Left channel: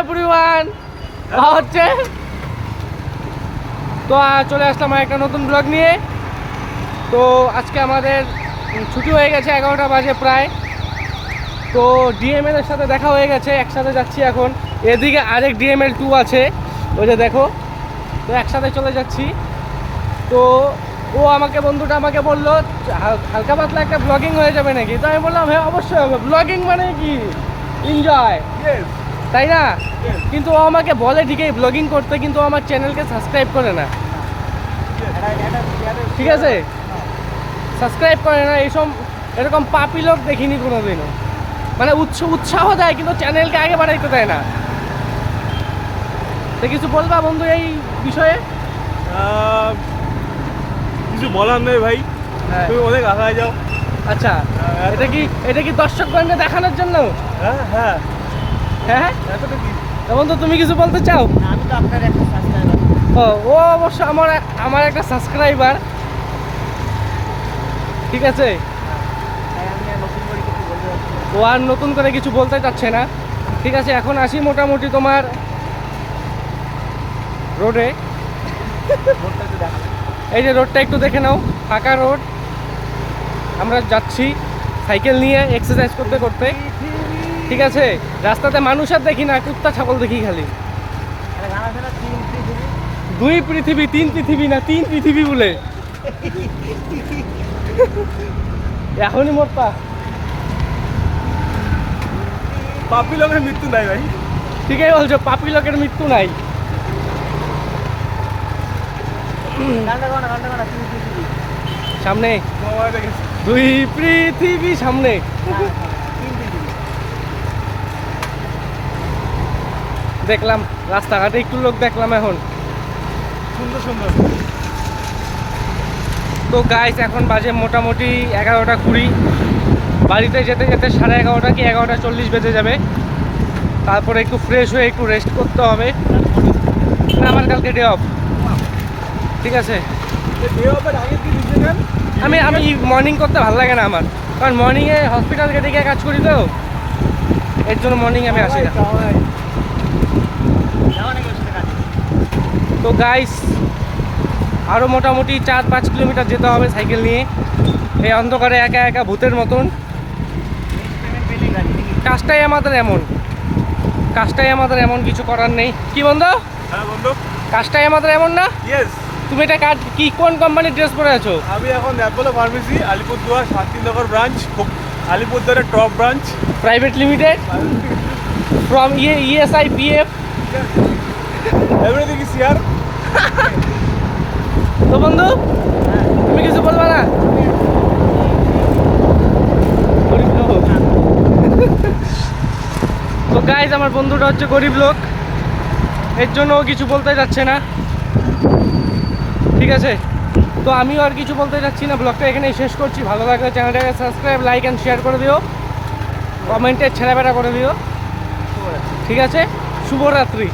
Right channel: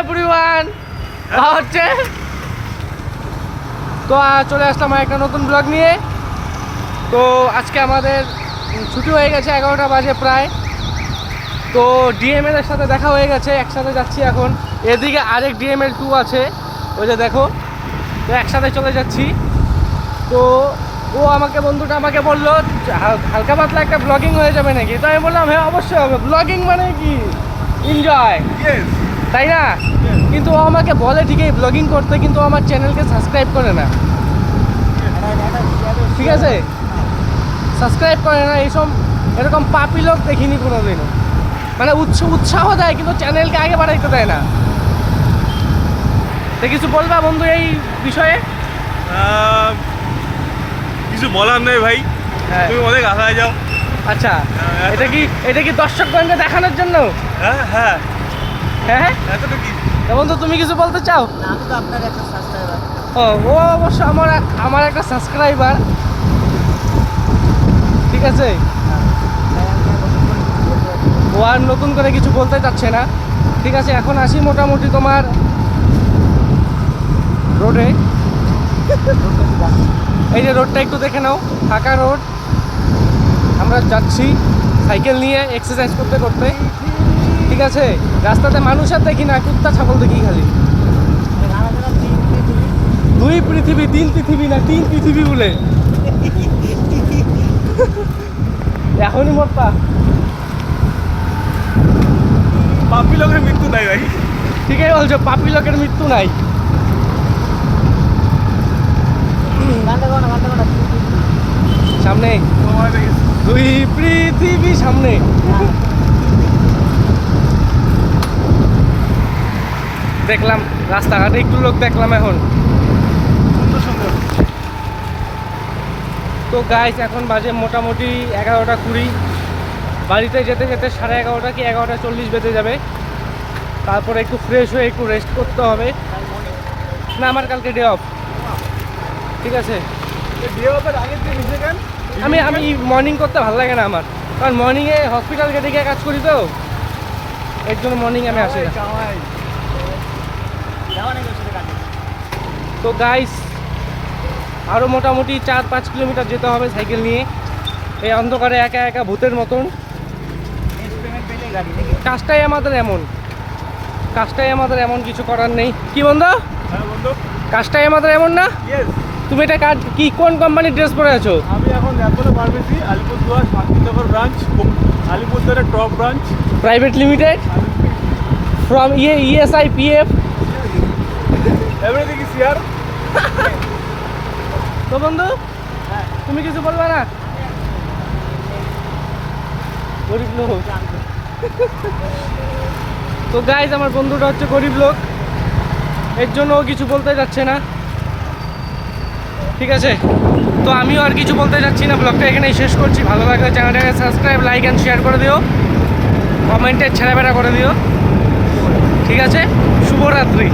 Everyone হচ্ছে তো চলে আসলাম একটা নতুন ব্লগ নিয়ে। তো আজকে আমাদের ছুটি হয়ে গেছে, 11টা বাজে প্রায়। তো ডিএমএল এর সাথে দেখা হয়ে গেছে, একসাথে যাচ্ছি এখন। এদিকে আরেক ডিএমএল 2 আছে, ওই যে দেখো। তো একসাথে চলে যাচ্ছি। তো ও বন্ধুটা আমাকে বললো হালকা পাতলা একটা ব্লগিং হয়ে যাবে নাকি। তো আমি বললাম হ্যাঁ অবশ্যই হবে, ব্লগিং মানে কি এনজয়, তাই না? কিন্তু ও আমাকে বলে ঠিকই ব্লগিং করতে, কিন্তু আমার চ্যানেলকে সাবস্ক্রাইব করে না, ঠিক আছে? সাবস্ক্রাইব করে না। এরকম পাপি লোক দেখিনি কোনোদিনও। মানে উৎসাহ দেয় কিন্তু চ্যানেলকে আগে বাড়াইতে দেয় না। তো কিছু বলবা বন্ধু এই বিষয়ে? কিছু বলার নেই ভাই, তুমি অনেক আগায় যাও। আচ্ছা, এটা কি দর্শকগণকে দেখানোর জন্য? হ্যাঁ হ্যাঁ হ্যাঁ, এতটা কি। বন্ধু তুমি কিছু বলতে চাও? ও অবশ্য আমার একটা সাবস্ক্রাইবার, ঠিক আছে। ও আর নতুন করে কিছু বলতে চাচ্ছে না, ঠিক আছে। এখন আসি মোটামুটি তোমার রোডে। এই যে রোডটা একটু দেখে নাও, ফাঁকা রোড। আমরা যাচ্ছি সাইকেল নিয়ে এক্সারসাইজ করতে করতে, ঠিক আছে। রাস্তাতে মানুষ আর দেখি না, কুত্তা ছাগল দেখি খালি। 2 পৃথিবী 3 পৃথিবী না 3 পৃথিবী বলে এখনই মোটপা পাপি লোকের মৃত্যু নাই ভাই। ঠিকই বলছো, পাপি লোকের মৃত্যু নাই। সামনে 2 পৃথিবী সামনে। দেখলাম রাস্তাঘাটে একটু লোক দেখলাম এখন, সুন্দর সুন্দর। তো গাইস এখন বাজে মোটামুটি 11টা 20। বাড়িতে যেতে যেতে 11:30 কি 11:40 বেজে যাবে। তারপরে একটু ফ্রেশ হয়ে একটু রেস্ট করতে হবে। না, আমার কালকে ডে অফ, ঠিক আছে। আমি মর্নিং করতে ভালো লাগে না আমার, কারণ মর্নিংয়ে হসপিটাল গেটে গিয়ে কাজ করি, তো এর জন্য মর্নিং আমি আসি না। তো গাইস আরও মোটামুটি 4-5 কিলোমিটার যেতে হবে সাইকেল নিয়ে, এই অন্ধকারে একা একা ভূতের মতন। কাজটাই আমাদের এমন, কিছু করার নেই। কি বন্ধু? হ্যাঁ বন্ধু, কাজটাই আমাদের এমন না? তুমি এটা কি কোন কোম্পানির ড্রেস পরে আছো? আমি এখন Apollo pharmacy Alipurduar Shantinagar branch, আলিপুরদুয়ারের top branch, private limited, from ESI PF, everything is here. তো বন্ধু তুমি কিছু বলবে না? তো গাইজ আমার বন্ধুটা হচ্ছে গরিব লোক, এর জন্য ও কিছু বলতে যাচ্ছে না, ঠিক আছে। তো আমিও আর কিছু বলতে যাচ্ছি না, ব্লগটা এখানেই শেষ করছি। ভালো লাগলে চ্যানেলটাকে সাবস্ক্রাইব, লাইক অ্যান্ড শেয়ার করে দিও, কমেন্টে ছেড়াবেড়া করে দিও, ঠিক আছে। শুভরাত্রি।